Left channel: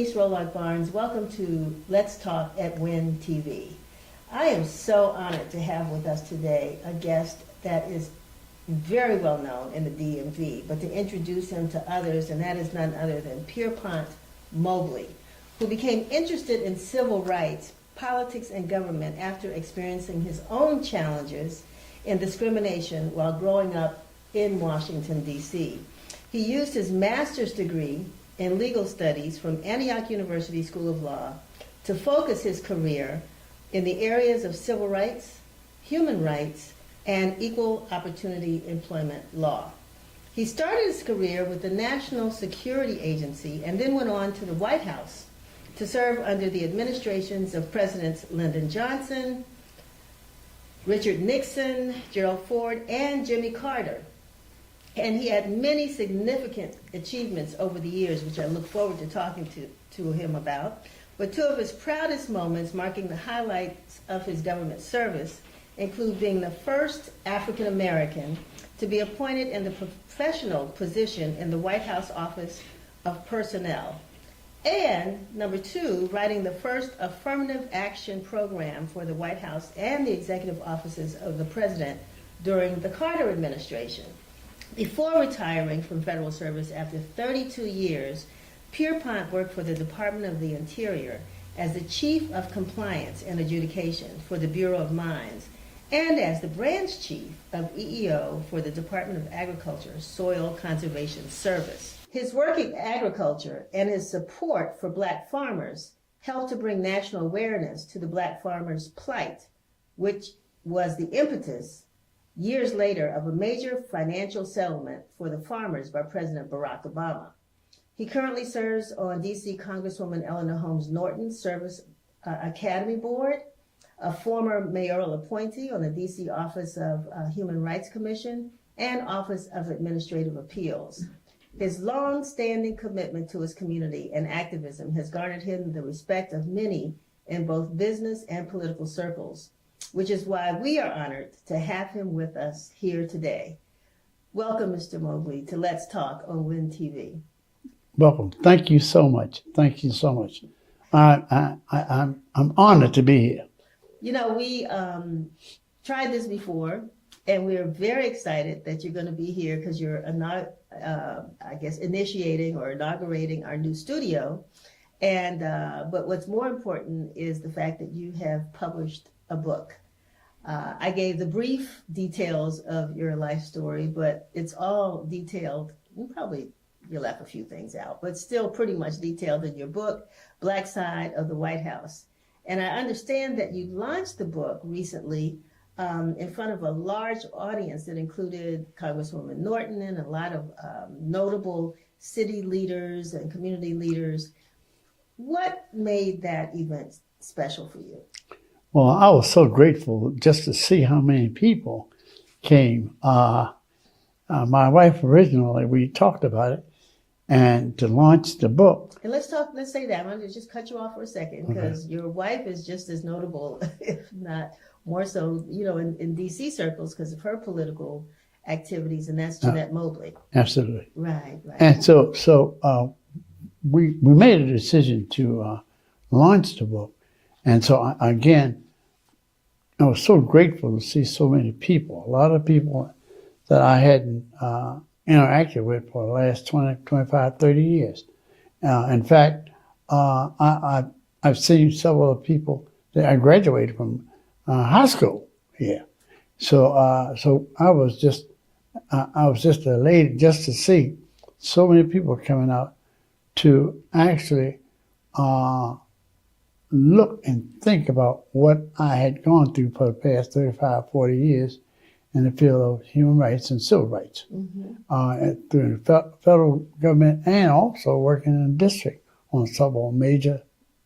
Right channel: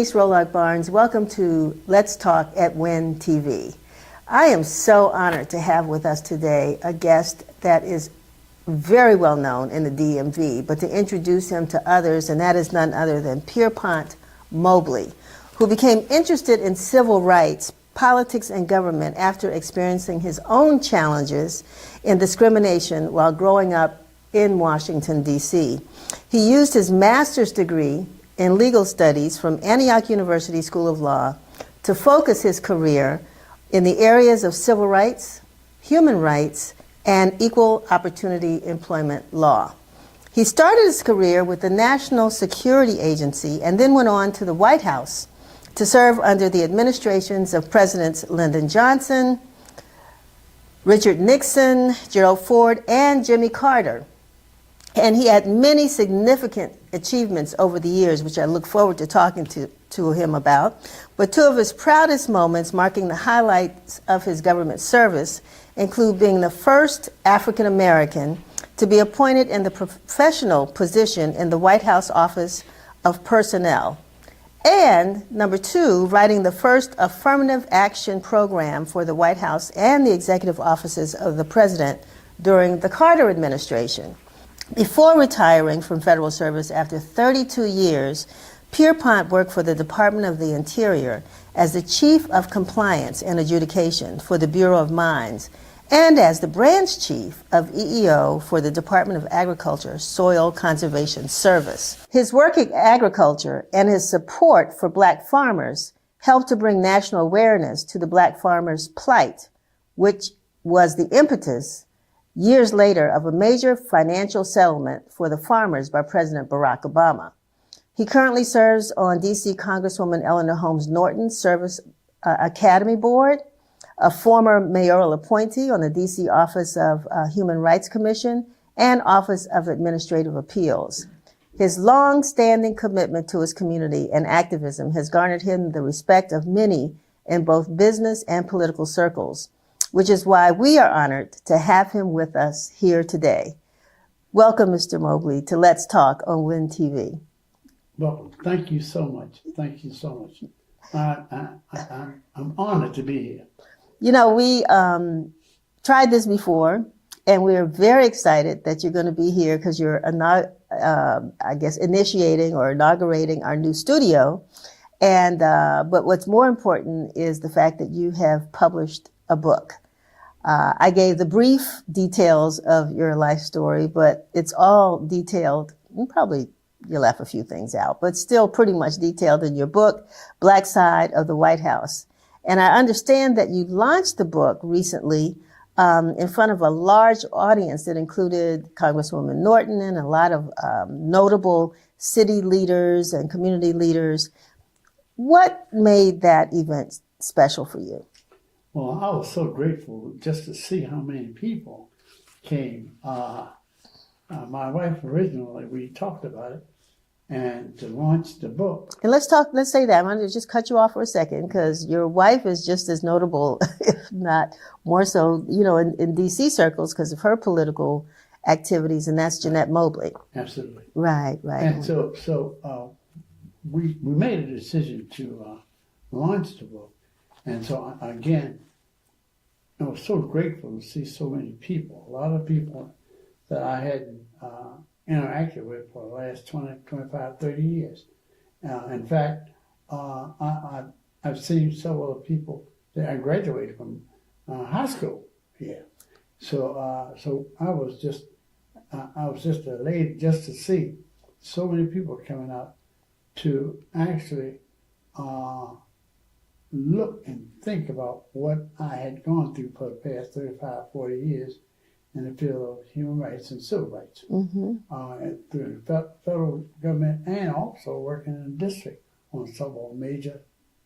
Denise Rolark Barnes. Welcome to Let's Talk at WIN TV. I am so honored to have with us today a guest that is very well known in the DMV, but to introduce him to others, and that is none other than Pierpont Mobley, who became interested in civil rights, politics, and government after experiencing his own challenges in discrimination while growing up in Washington, D.C. He used his master's degree in legal studies from Antioch University School of Law to focus his career in the areas of civil rights, human rights, and equal opportunity employment law. He started his career with the National Security Agency and then went on to the White House to serve under the administrations of Presidents Lyndon Johnson, Richard Nixon, Gerald Ford, and Jimmy Carter. And he had many significant achievements over the years, which I look forward to talking to him about. But two of his proudest moments marking the highlights of his government service include being the first African American to be appointed in the professional position in the White House Office of Personnel, and number two, writing the first affirmative action program for the White House and the executive offices of the President during the Carter administration. Before retiring from federal service after 32 years, Pierpont worked for the Department of the Interior as the Chief of Compliance and Adjudication for the Bureau of Mines and as the Branch Chief of EEO for the Department of Agriculture Soil Conservation Service. His work in agriculture and his support for black farmers helped to bring national awareness to the black farmers' plight, which was the impetus years later of a major financial settlement for the farmers by President Barack Obama. He currently serves on D.C. Congresswoman Eleanor Holmes Norton's Service Academy Board, a former mayoral appointee on the D.C. Office of Human Rights Commission and Office of Administrative Appeals. His long-standing commitment to his community and activism has garnered him the respect of many in both business and political circles, which is why we are honored to have him with us here today. Welcome, Mr. Mobley, to Let's Talk on WIN TV. Welcome. Thank you so much. Thank you so much. I'm honored to be here. You know, we tried this before, and we're very excited that you're going to be here because you're, I guess, initiating or inaugurating our new studio. And but what's more important is the fact that you have published a book. I gave the brief details of your life story, but it's all detailed. You left a few things out, but still pretty much detailed in your book, Black Side of the White House. And I understand that you launched the book recently in front of a large audience that included Congresswoman Norton and a lot of notable city leaders and community leaders. What made that event special for you? Well, I was so grateful just to see how many people came. My wife originally, we talked about it, and to launch the book. And let's say that. I'm going to just cut you off for a second because your wife is just as notable, if not more so, you know, in D.C. circles because of her political activities, and that's Jeanette Mobley. Absolutely. Right. And so we made a decision to launch the book. And so, again, I was so grateful to see so many people, a lot of people that I hadn't interacted with for the last 20, 25, 30 years. In fact, I've seen several people that I graduated from high school here. So I was just elated just to see so many people coming out to actually look and think about what I had gone through for the past 35, 40 years in the field of human rights and civil rights, through the federal government and also working in the district on several major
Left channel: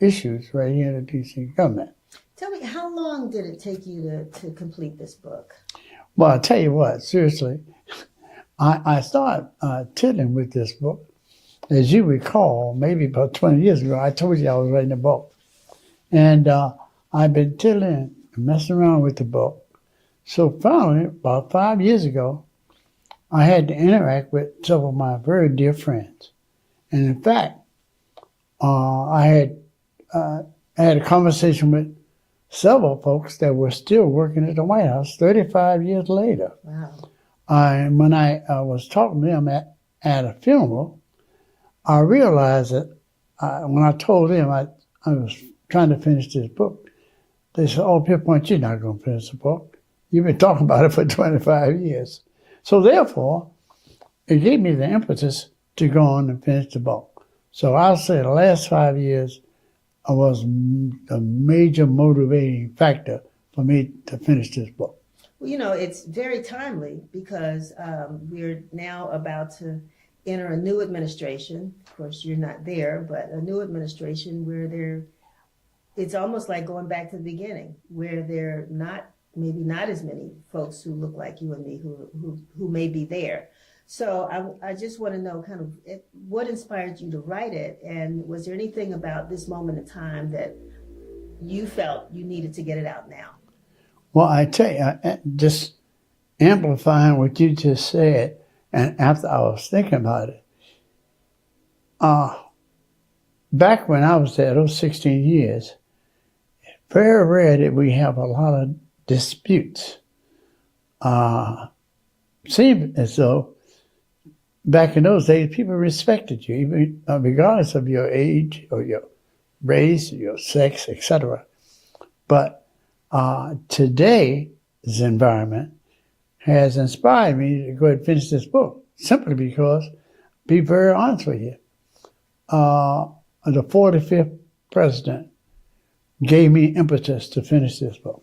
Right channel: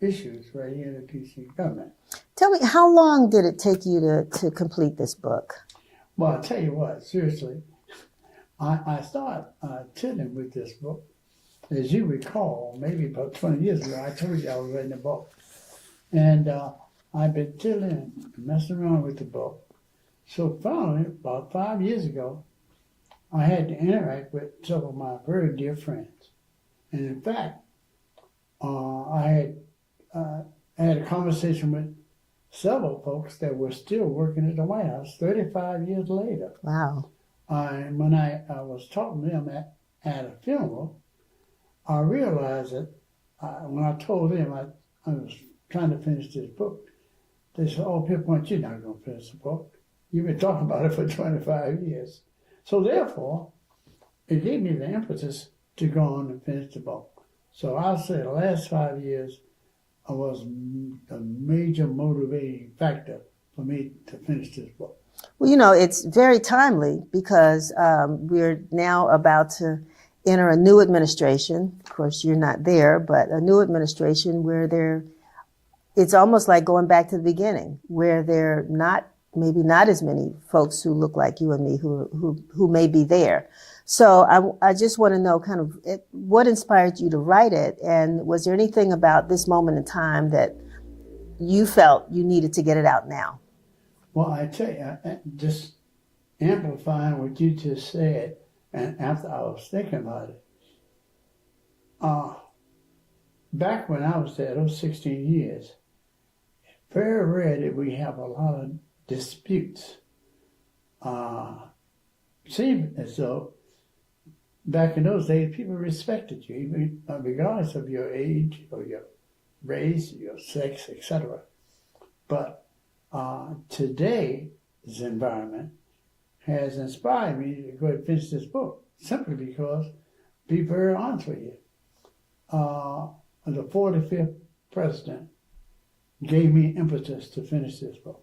issues right here in the D.C. government. Tell me, how long did it take you to complete this book? Well, I'll tell you what, seriously, I started tiddling with this book. As you recall, maybe about 20 years ago, I told you I was writing a book. And I've been tiddling and messing around with the book. So finally, about 5 years ago, I had to interact with several of my very dear friends. And in fact, I had a conversation with several folks that were still working at the White House 35 years later. Wow. When I was talking to them at a funeral, I realized that when I told them I was trying to finish this book, they said, "Oh, Pierpont, you're not going to finish the book. You've been talking about it for 25 years. So therefore, it gave me the impetus to go on and finish the book. So I'll say the last 5 years was a major motivating factor for me to finish this book. Well, it's very timely because we're now about to enter a new administration. Of course, you're not there, but a new administration where it's almost like going back to the beginning, where there maybe not as many folks who look like you and me who may be there. So I just want to know kind of what inspired you to write it, and was there anything about this moment in time that you felt you needed to get it out now? Well, I tell you, just amplifying what you just said, and after I was thinking about it, back when I was there, those 16 years, very rare that we have a lot of disputes. Seemed as though back in those days, people respected you, even regardless of your age or your race, your sex, etc. But today's environment has inspired me to go ahead and finish this book, simply because, be very honest with you, the 45th president gave me impetus to finish this book.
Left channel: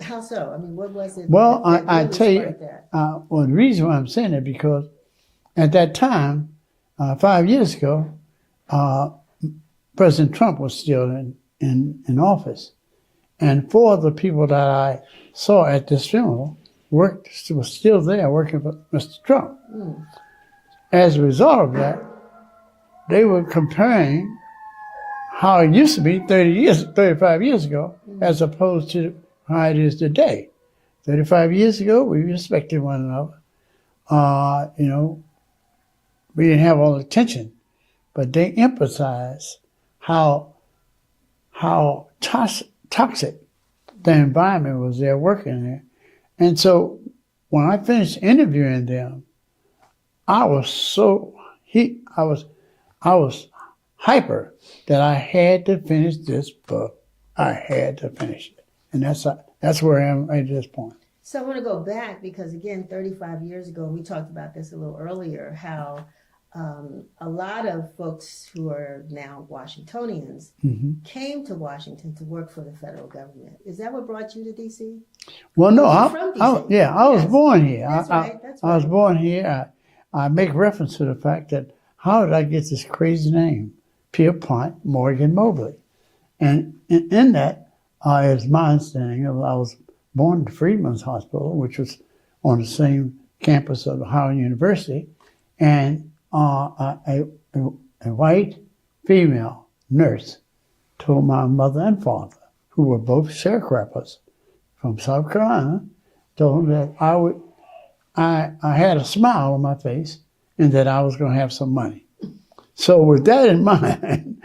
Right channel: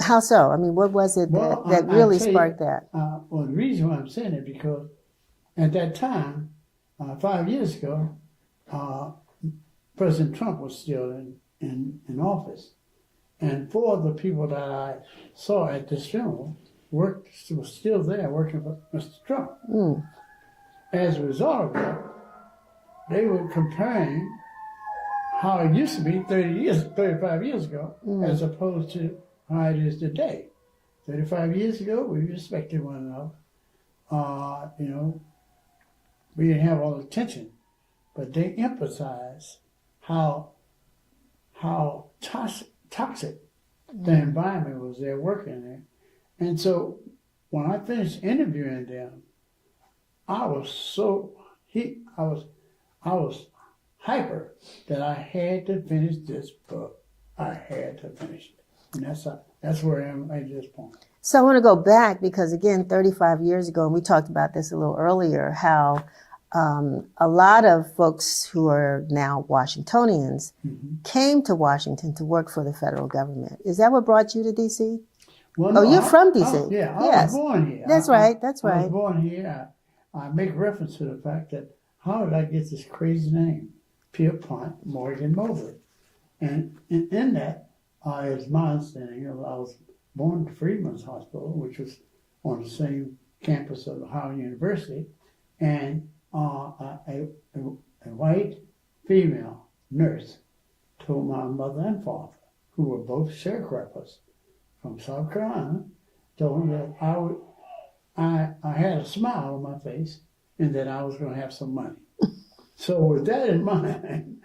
How so? I mean, what was it Well, that really sparked that? Well, the reason why I'm saying that, because at that time, 5 years ago, President Trump was still in office. And four of the people that I saw at this funeral were still there working for Mr. Trump. Mm. As a result of that, they were comparing how it used to be 35 years ago, as opposed to how it is today. 35 years ago, we respected one another. We didn't have all the tension, but they emphasized how toxic the environment was there working there. And so when I finished interviewing them, I was hyper that I had to finish this book. I had to finish it. And that's where I am at this point. So I want to go back because, again, 35 years ago, and we talked about this a little earlier, how a lot of folks who are now Washingtonians came to Washington to work for the federal government. Is that what brought you to D.C.? Well, no, you're from D.C. I was born here. That's right. I was born here. I make reference to the fact that how did I get this crazy name, Pierpont Moy. And in that, is my understanding of, I was born at Freedman's Hospital, which was on the same campus of Howard University, and a white female nurse told my mother and father, who were both sharecroppers from South Carolina, told them that I had a smile on my face and that I was going to have some money. So with that in mind,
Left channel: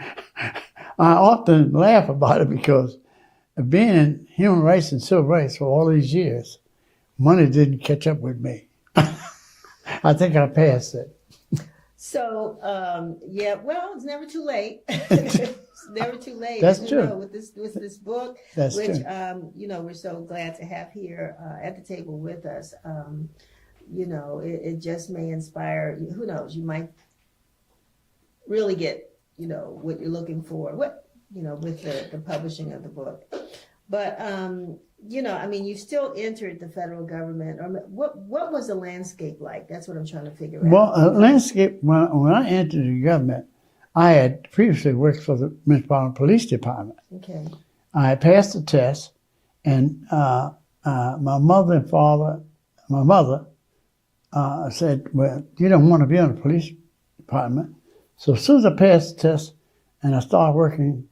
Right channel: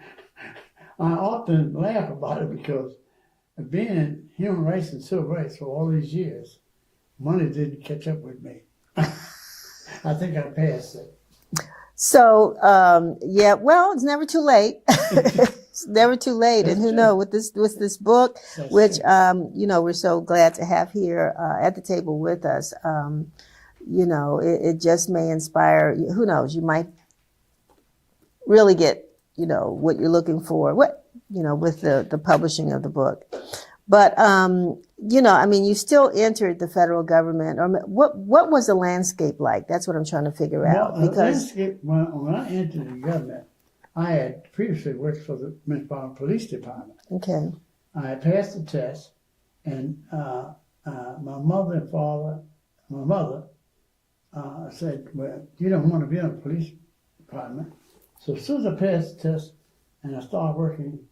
I often laugh about it because being in human rights and civil rights for all these years, money didn't catch up with me. I think I passed it. So, well, it's never too late. It's never too late. That's and who true. knows, with this book, That's which, true. we're so glad to have here at the table with us, it just may inspire, who knows, you might really get, what you're looking for, with the publishing of the book. But, you still entered the federal government. Or what was the landscape like? That's what I'm trying to figure out. Well, landscape, when I entered the government, I had previously worked for the Metropolitan Police Department. Okay. I passed the test, and my mother and father, my mother said, well, you don't want to be on the police department. So as soon as I passed the test and I started working